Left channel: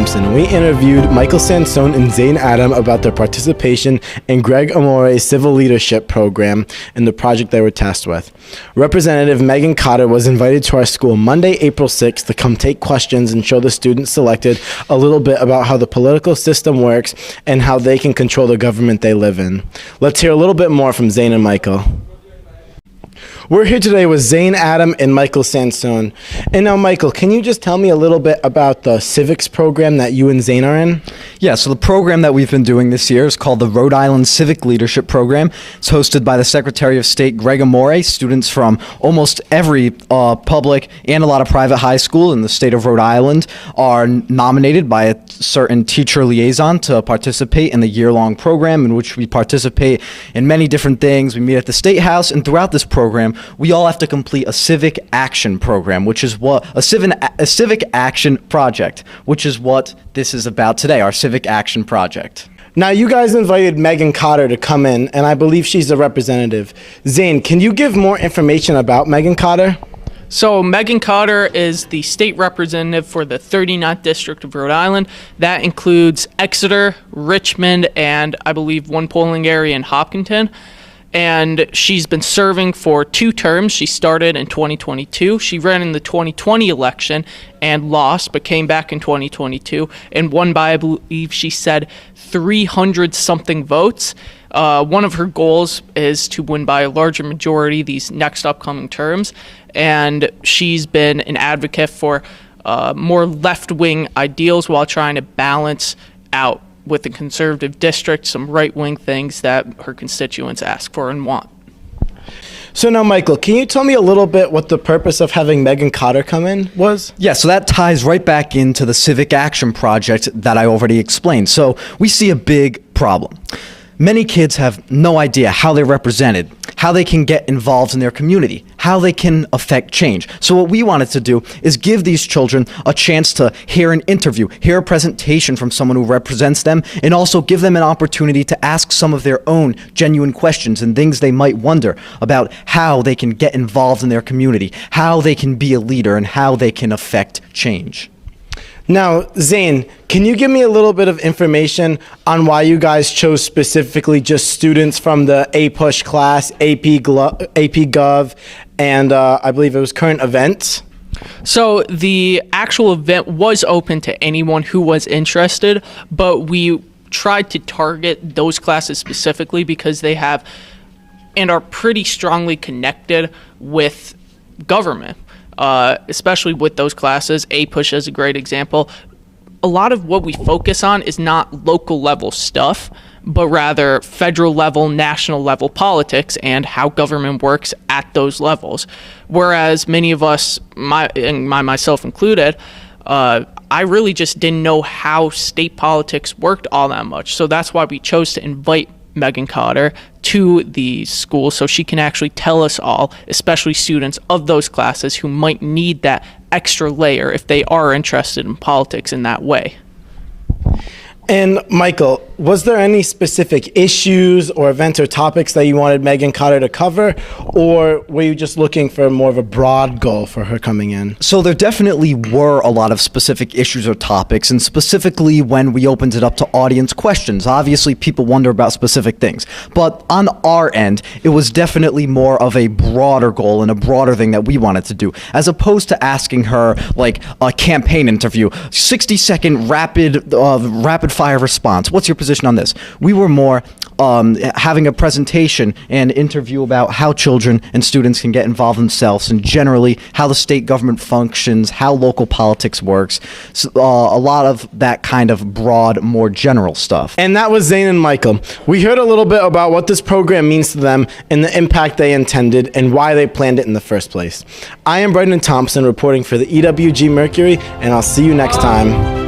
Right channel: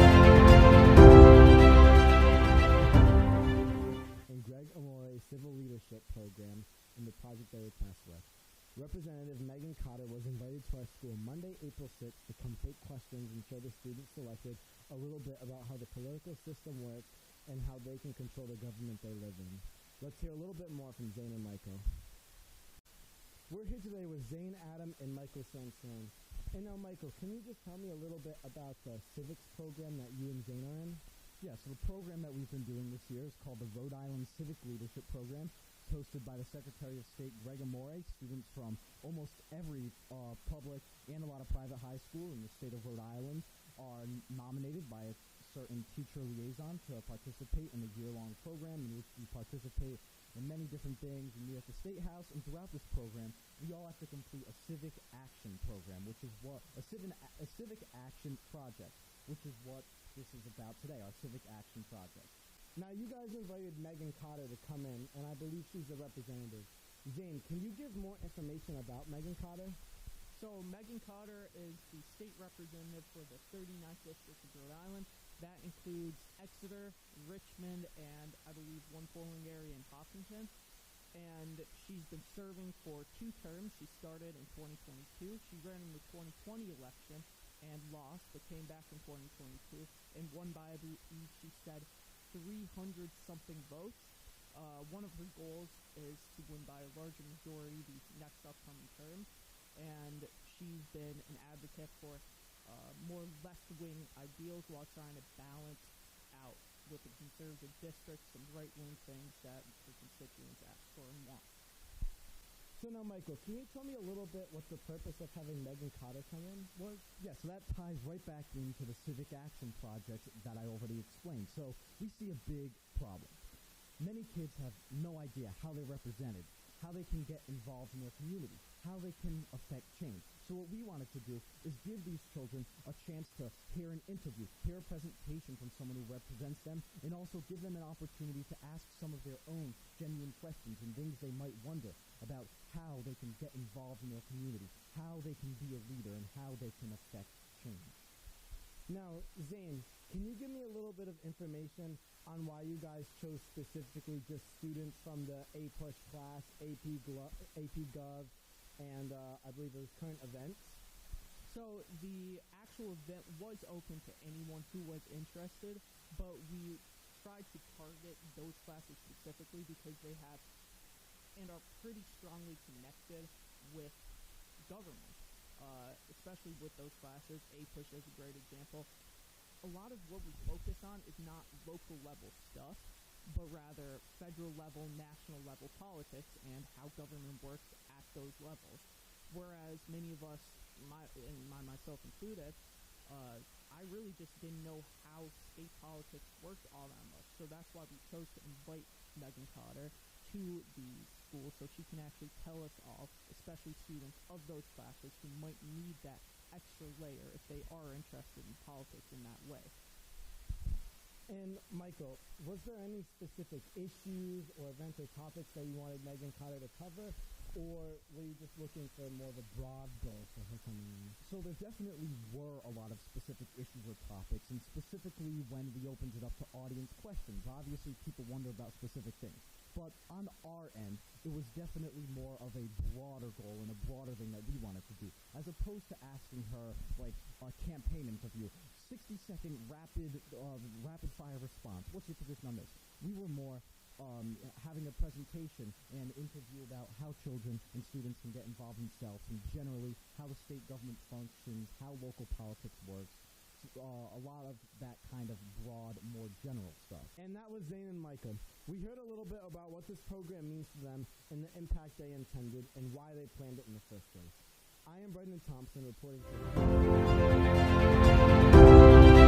Thompson. We interviewed Michael Sansone and Zane Adam about their participation in Greg Amore's Civil Leadership Program and the project they were tasked with. Representative Megan Cotter was invited to our school Monday, April 6th to come take questions and show the students selected a little bit about how the political system works and how they can control the government they live in. Let's hear a little bit more from Zane and Michael. We're here today with Zane Adam and Michael Sansone. And now, Michael, can you just tell me a little bit about the civics program that you and Zane are in? Yeah, so the program that we've been doing this year is called the Rhode Island Civic Leadership Program. It's hosted by the Secretary of State, Greg Amore. Students from almost every public and a lot of private high school in the state of Rhode Island are nominated by a certain teacher liaison to participate in the year-long program, in which we participate in many different things. We meet at the State House, and throughout this program, we all have to complete a civic action program, which is what a civic action project, which is what this is about today, our civic action project. Now, you guys invited Megan Cotter to come in, and I believe she's the representative. Zane, can you give more information about Megan Cotter? So Megan Cotter is the state representative for the 39th District of Rhode Island. That includes Exeter, Richmond, and I believe one polling area in Hopkinton. And she's been serving for 2 terms. She started in 2022. She ran in the 2020 election and lost, but came back in 2022 and won by, I believe she said, 300-something votes. One of her goals is to win by a larger majority these next upcoming terms. And she's been an advocate for more left-wing ideals while trying to balance out with the conservative district some right-wing things that her constituents ask for and want. So now, Michael, can you tell me a little bit what the purpose of having Megan Cotter come in was? Yeah, so that ties right back into the Civic Action Project that I already explained. So we see a big problem. Many kids have no idea how they're represented, how they can get involved in their community, how they can affect change. So what we wanted to do is give these children a chance to hear an interview, hear a presentation from someone who represents them, and also give them an opportunity to ask some of their own genuine questions and things they might wonder about how they can get involved in their community, how they can be a leader, and how they can affect change. Now, Zane, can you give me a little bit of information on why you guys chose specifically just students from the APUSH class, AP Gov, and I believe it was current events? So the actual event was open to anyone who was interested, but we tried to target those classes specifically because they have and are pretty strongly connected with government. Especially with those classes. APUSH is a great example. A lot of what we focus on is not local level stuff, but rather federal level, national level politics and how government works at those levels. Whereas many of us, myself included, I really just didn't know how state politics worked all that much. So that's why we chose to invite Megan Cotter to the school so she can actually tell us all, especially students of those classes who might need that extra layer if they are interested in politics in that way. And Michael, was there any specific issues or events or topics that you wanted Megan Cotter to cover, or were you just looking for more of a broad goal for her coming in? So there definitely were a lot of specific issues or topics, and specifically when we opened it up to audience questions. Obviously, people wonder about specific things, but on our end, it was definitely more of a broader goal and a broader thing that we wanted to do, as opposed to asking her like a campaign interview, 60-second rapid fire response. What's your position on this? We were more having a presentation and interview about how children and students can get involved themselves and generally how the state government functions, how local politics works. So, a lot of that kind of broad, more general stuff. And that was Zane and Michael. We heard a little bit about what this program means to them and the impact they intended and why they planned it in the first place. I am Brendan Thompson reporting for the EWG Mercury, and I'll see you next time.